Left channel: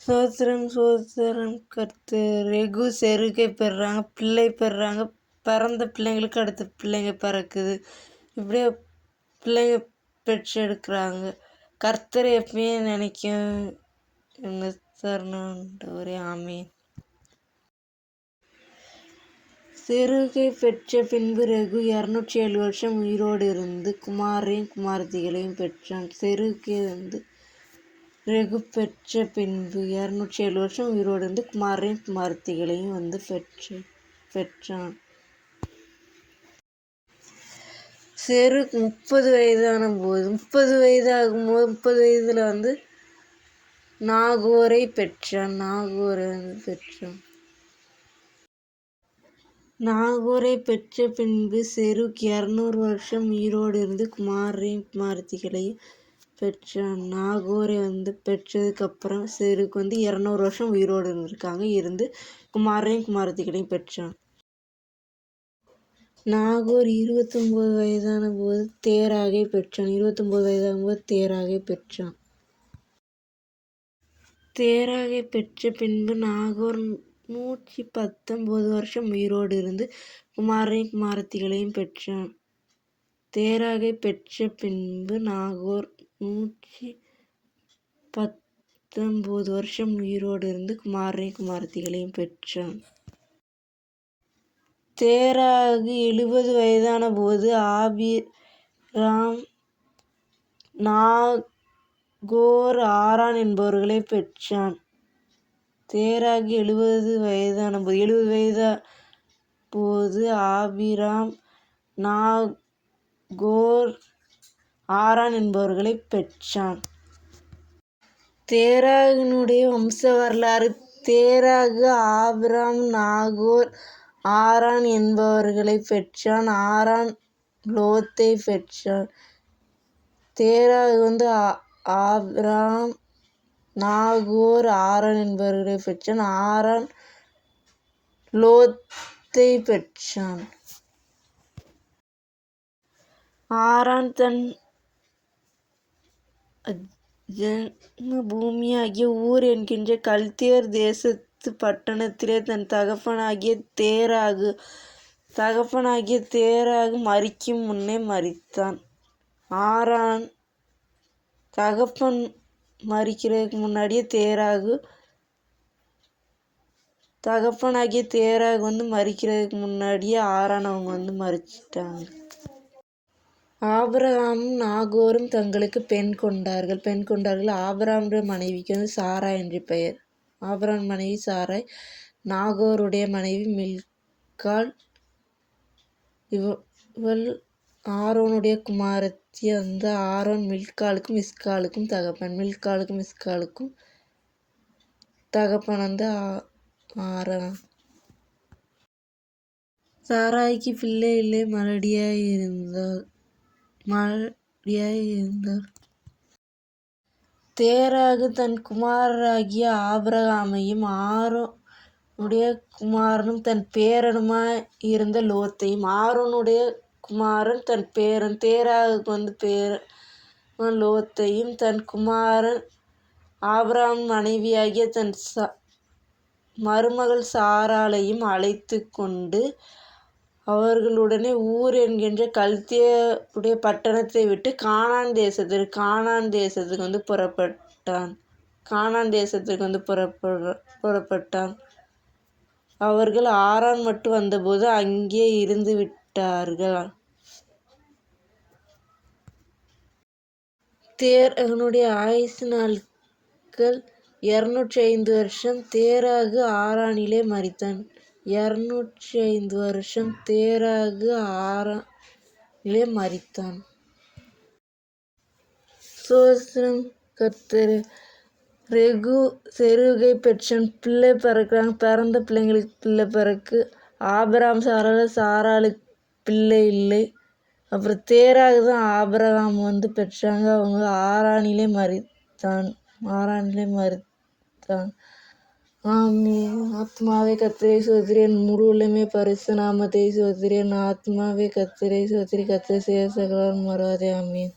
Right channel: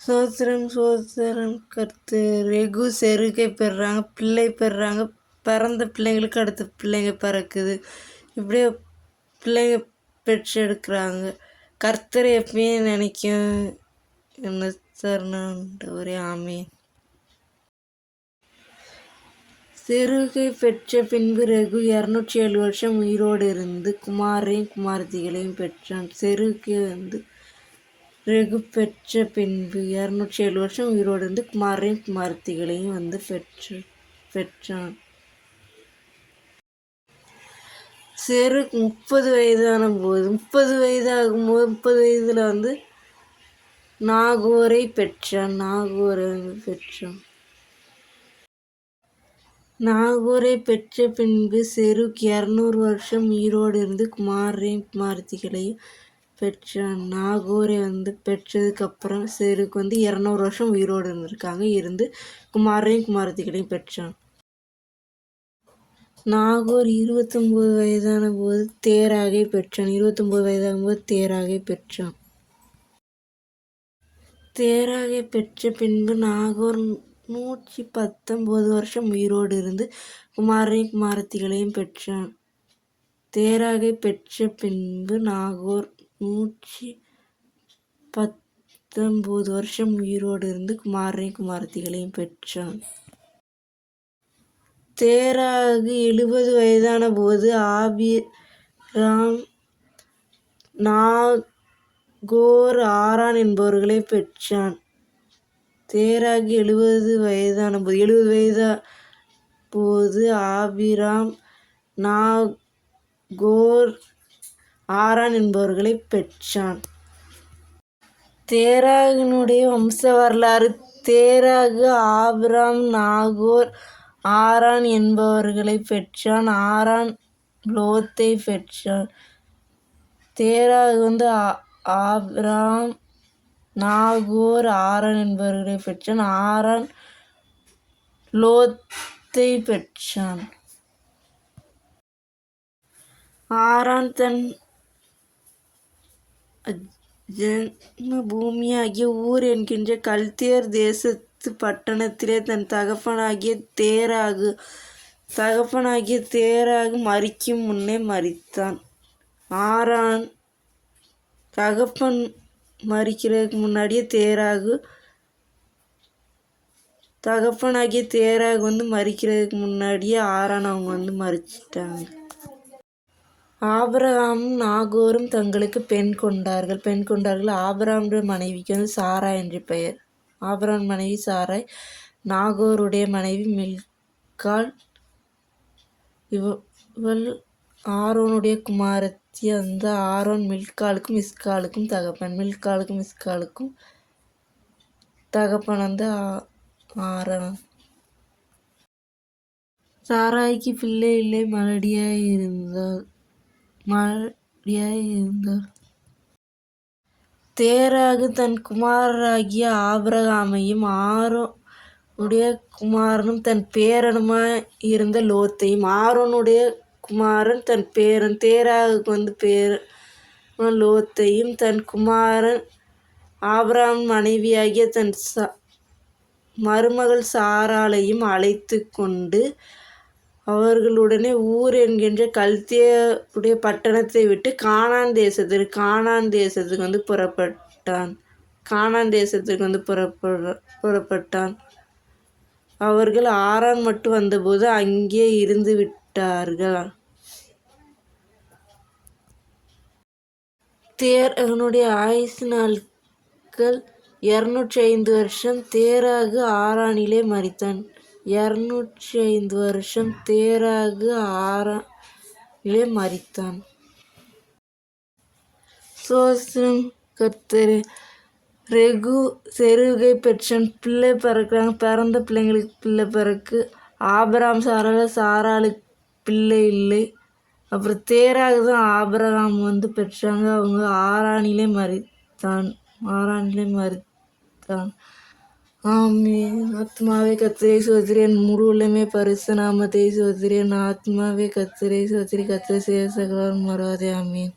சோத்திரம் சோத்திரம் ரெகு செருகை பெறுறாங்க, பிள்ளை பெறுறாங்க, பிறந்த பிள்ளைங்களுக்கு அடுத்த பிள்ளைங்க பிறக்குது. இப்படியே பிள்ளைங்க பெற்றெடுக்கிறாங்க. கர்த்தர் எப்பயும் நினைக்கும் என்ன தருணன்றவரே ஆமீன். செருகை பெற்ற பின்பு ரெகு 207 வருஷம் உயிரோடு இருந்து குமாரையும் குமாரத்திகளையும் பெற்றான். செருகை ரெகு பெற்ற பின்பு 207 வருஷம் உயிரோடு இருந்து குமாரையும் குமாரத்திகளையும் பெற்றான். செருக் 30 வயதான போது 30 வயதாகும்போது 30 வயதில் நாகோரை பெற்றான். நாகோரை பெற்ற பின்பு செருக் 200 வருஷம் உயிரோடு இருந்து குமாரையும் குமாரத்திகளையும் பெற்றான். நாகோரை பெற்றதுக்கு அப்புறம் செருக் 200 வருஷம் உயிரோடு இருந்து குமாரையும் குமாரத்திகளையும் பெற்றான். நாகோர் 29 வயதான போது தேராகை பெற்றான். 29 வயதாகும்போது தேராகை பெற்றான். தேராகை பெற்ற பின்பு நாகோர் 119 வருஷம் உயிரோடு இருந்து குமாரையும் குமாரத்திகளையும் பெற்றான். தேராகை பெற்ற பின்பு நாகோர் 119 வருஷம் உயிரோடு இருந்து குமாரையும் குமாரத்திகளையும் பெற்றான். தேராகு 70 வயதான போது ஆபிராம் நாகோர் ஆரான் என்பவர்களை பெற்றான். தேராகு 70 வயதான போது ஆபிராம் நாகோர் ஆரான் என்பவர்களை பெற்றான். தேராகினுடைய வம்ச வரலாறு. தேராகு ஆபிராம் நாகோர் ஆரான் என்பவர்களை பெற்றான். ஆரான் லோத்தை பெற்றான். தேராகு ஆபிராம் நாகோர் ஆரான் என்பவர்களை பெற்றான். ஆரான் லோத்தை பெற்றான். ஆரான் தன் ஜன்ம பூமியாகிய ஊர் என்கின்ற கல்தேர் தேசத்து பட்டணத்திலே தன் தகப்பனாகிய தேராகு மரிக்கும் முன்னே மரித்தான். ஆரான் தகப்பன் மரிக்கிறதுக்கு முன்னாடியே தகப்பனாகிய தேராகு மரிக்கிறதுக்கு முன்னாடியே ஆரான் அவங்க மரிச்சிட்டாங்க. ஆபிரகாமும் நாகோரும் தங்களுக்கு பெண் கொண்டார்கள். ஆபிரகாமுடைய மனைவிக்கு சாரா என்று பெயர். ஆபிரகாம் மனைவி சாராய். நாகோருடைய மனைவி மில்காள். இவள் ஆரோனுடைய குமாரத்தி. ஆரோன் மில்காளுக்கும் இஸ்காளுக்கும் தகப்பன் ஆரான். சாராய்க்கு பிள்ளை இல்லை, மலடியாய் இருந்தார். தேராகு தன் குமாரராகிய ஆபிரகாமையும் ஆரோனுடைய குமாரனும் தன் பேரனுமாய் இருந்த லோத்தையும். ஆரோனுடைய குமாரன் தன் பேரன். தேராகுக்கு பேரன் லோத்தையும் தன் குமாரன் ஆபிரகாம் மனைவியாகிய தன் மருமகள் சாராளையும் அழைத்து கொண்டு அவர்களுடனே ஊர் என்கின்ற கல்தேயருடைய பட்டணத்தை விட்டு கானான் தேசத்துக்கு புறப்பட்டான். அவர்கள் ஆரான் மட்டும் வந்தபோது அங்கே இருந்து விட்டார்கள். தேராகுனுடைய ஆயுசு நாட்கள் 205 வருஷம். தேராகு ஆரானிலே மரித்தான். 205 வருஷம் தேராகு ஆரானிலே மரித்தான். சோத்திரம் கர்த்தரே. ரெகு செருகை பெற்றான். பிள்ளை பிறக்கிறாங்க. பிறந்த பிள்ளைங்களுக்கு பிள்ளை பிறக்கு. ஆபிரகாம் சாராளுக்கு பிள்ளை இல்லை. அப்புறம் தேராகு தான் ஆபிரகாம் பெற்றாங்க. அவங்க ஆரானிலே மரித்தான். ஆமென். ஆத்மாவே கர்த்தரை ஸ்தோத்திரி, என் முழு உள்ளமே பரிசுத்த நாமத்தை ஸ்தோத்திரி. என் ஆத்மாவே கர்த்தரை ஸ்தோத்திரி, கர்த்தர் செய்த சகலமும் மறவாதே. ஆமென்.